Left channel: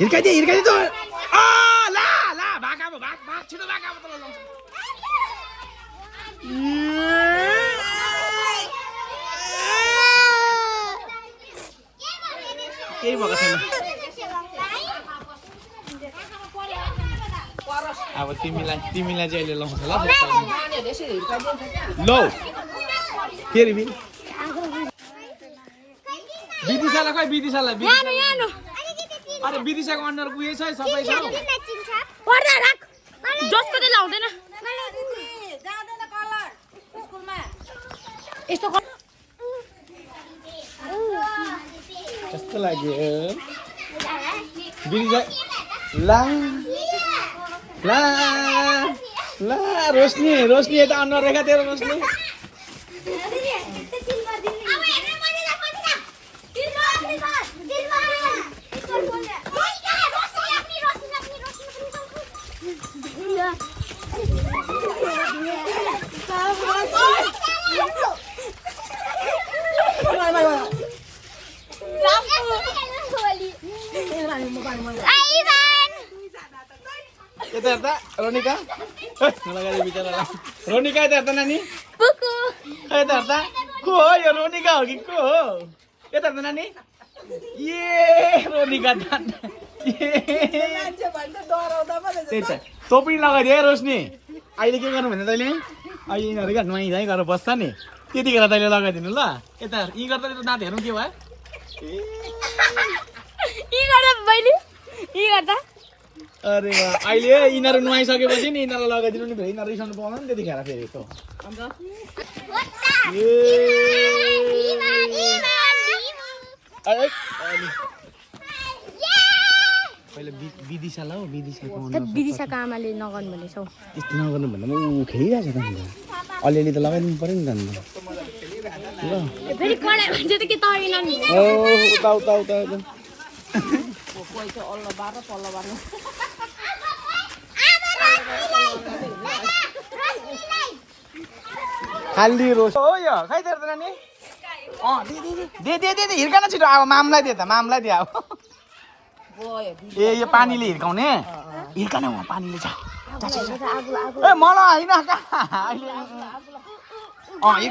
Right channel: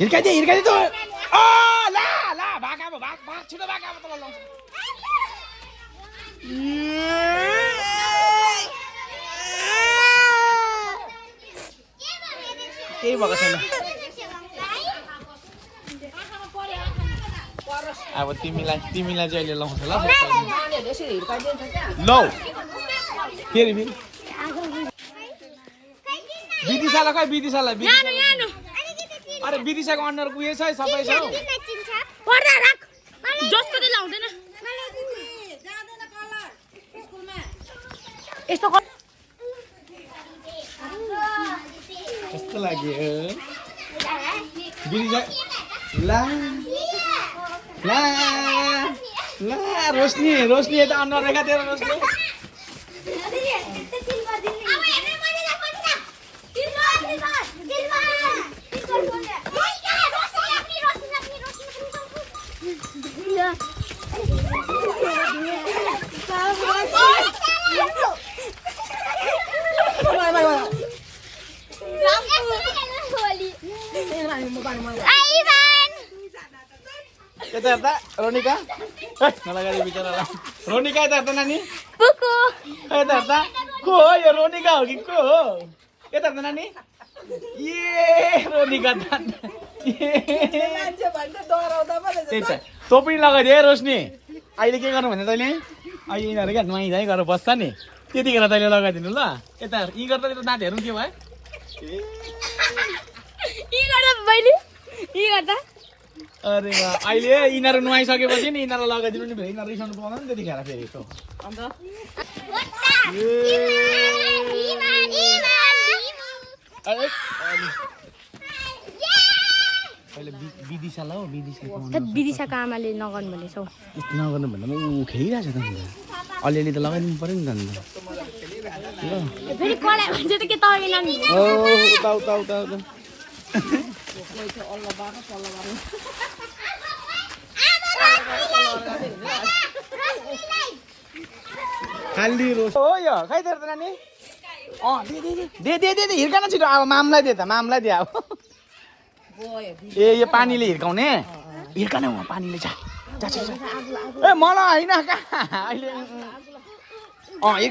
हिर्काइदिए त ला ला भाग अब भाग छिटो भाग अब तल लाउँछ केही भएको छैन अब तिमीलाई चाहिँ अहिले लाउँछ ल लौ फेरि विदिशालाई खै विदिशालाई अरे विदिशाको अनुहार उयो छ सबै छ जस्तो चाहिँ लाउँदैन यस्तो कस्तो लाग्यो विदिशा ला ला ला रोशनी त अनुहार रेखा तेरो रोशनी यता हेर्दा रोनिका मलाई गाडी बिचरा रोनिका यता हेर्दा नानी यता हेर्दा को हो यो रोनिका हो कि को हो यता हेर्दा नानी ए रोनिका त्यही त तँ पनि लगाइदिए है रोशनी अहिले के गर्नु भने तैँले अहिले यिनीहरू क्या नुहाइ गरेर बस्छ नि त्यतिखेर तैँले लगाइदिनु ल यता यी गर्दा दाँत हेर्नु के भयो अरे अहिले यिनीहरू नुहाइसकेपछि नि यिनीहरूलाई लगाइदिनु नि फेरि यिनीहरू रिसाउनु पाउँदैन नि त्यतिखेर फेरि त पहिले विदिशालाई हो विदिशाको आमाले नगर्नु भनेछौ त्यस्तो नगर्नु भन्दा म खेलिरहेको छ त अलिअलि त लगाइदिनु पऱ्यो नि त ल फेरि कडा भन्छ त के तरिला नि ओ उता खाली रोस हो यो खै तेरो नानी दे हिर्कान छिटो अब मामलाई दे त मामलाई दे अब ए यो पानीले हिर्काउने हिर्कान पानीले चाहिँ मलाई होइन